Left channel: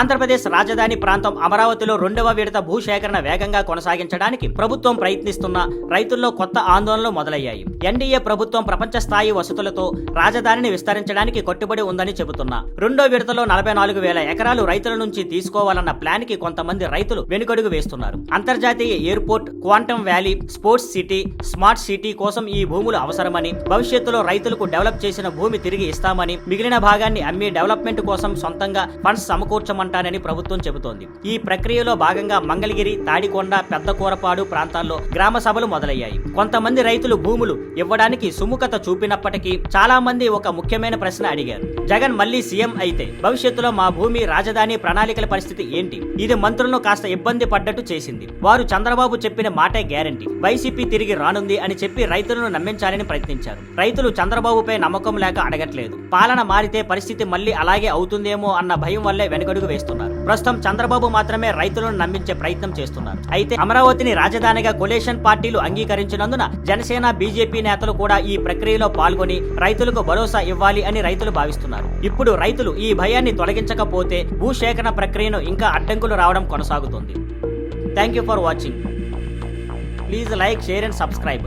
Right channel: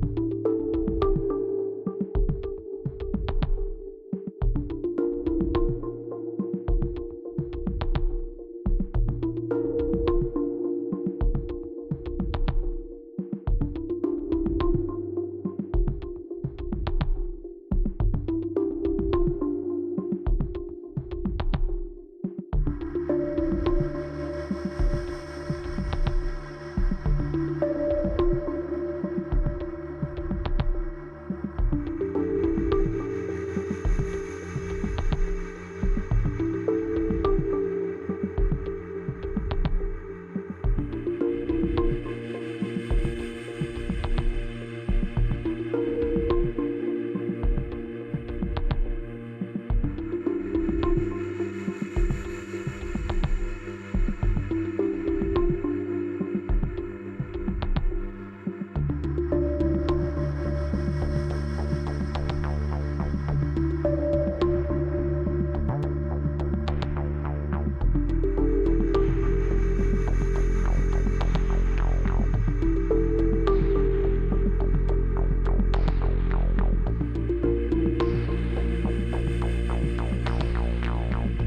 ఆంధ్రప్రదేశ్ రాజధాని ప్రాంతం అమరావతిలో 2వ విడత భూసేకరణ వేగంగా కొనసాగించడానికి ప్రభుత్వం ప్రయత్నిస్తున్న రైతుల్లో కొత్త ఆందోళనలు మొదలయ్యాయి. ఎన్డీఏ ప్రభుత్వం ప్రపంచ స్థాయి వసతులతో రాజధానిని విస్తరించడానికి కట్టుబడి ఉందని చెబుతున్నా 2వ విడతలో 44,000 ఎకరాలు రైతుల నుంచి తీసుకోవాలన్న ప్లాన్ కి కొంతమంది రైతులు వెనుకడుగు వేస్తున్నారు. అంతర్జాతీయ airport, quantum valley, sports city, smart city కోసం ఈ భూములు అవసరమని, భవిష్యత్తులో రైతులకు డెవలప్ చేసిన భూమి తిరిగి ఇస్తామని, మిగిలిన భాగాన్ని అమ్మి డెవలప్మెంట్ కోసం సొంతంగా ఫండ్స్ సమకూర్చమంటానని ప్రభుత్వం చెబుతోంది. ఈ ప్రక్రియలో భాగంగా మంగళగిరి, తాడికొండ, పెద్దకూరపాడు ప్రాంతాల్లో గ్రామ సభలు మొదలయ్యాయి. కొంతమంది రైతులు భూములు ఇవ్వడానికి సుముఖత చూపినప్పటికీ చాలా మంది ఒక ముఖ్యమైన ప్రశ్న అడిగారు. జగన్ మళ్లీ సీఎం అయితే భవిష్యత్తులో మా భూమి, రాజధాని ప్రణాళికల పరిస్థితి ఏంటి? ఇది మంత్రులను కాస్త ఇబ్బంది పడ్డట్టు చేసింది. వారు చంద్రబాబు చెప్పిన మాటే గ్యారంటీ, వైసీపీ తిరిగి రానుంది అని చెప్పి రైతులను నమ్మించాలని ప్రయత్నించారు. రైతులు చంద్రబాబుపై నమ్మకం లేక అడగట్లేదు. పాలన మారితే పరిస్థితి మళ్లీ అలాగే అవుతుందేమో అన్న భయం వల్లే వెనుకడుగు వేస్తున్నారు. ప్రస్తుతం చంద్రబాబు మాత్రమే రైతులను నమ్మించే ప్రయత్నం చేస్తున్నారు. అయితే అమరావతిని రాజధానిగా కొలేషన్ పార్టీలు అంగీకరించినందున జనసేన, బీజేపీ నేతలు కూడా ఈ ప్రక్రియలో పాల్గొని రైతులకు భరోసా ఇవ్వాలి అని రైతులు భావిస్తున్నారు. ఇప్పుడు రైతులు ఈ భయాన్ని తొలగించకపోతే భూసేకరణ ప్రక్రియను ఇంకా అడ్డంకులు రావడం కొనసాగుతుంది. Thank you for watching. Please like, share and subscribe.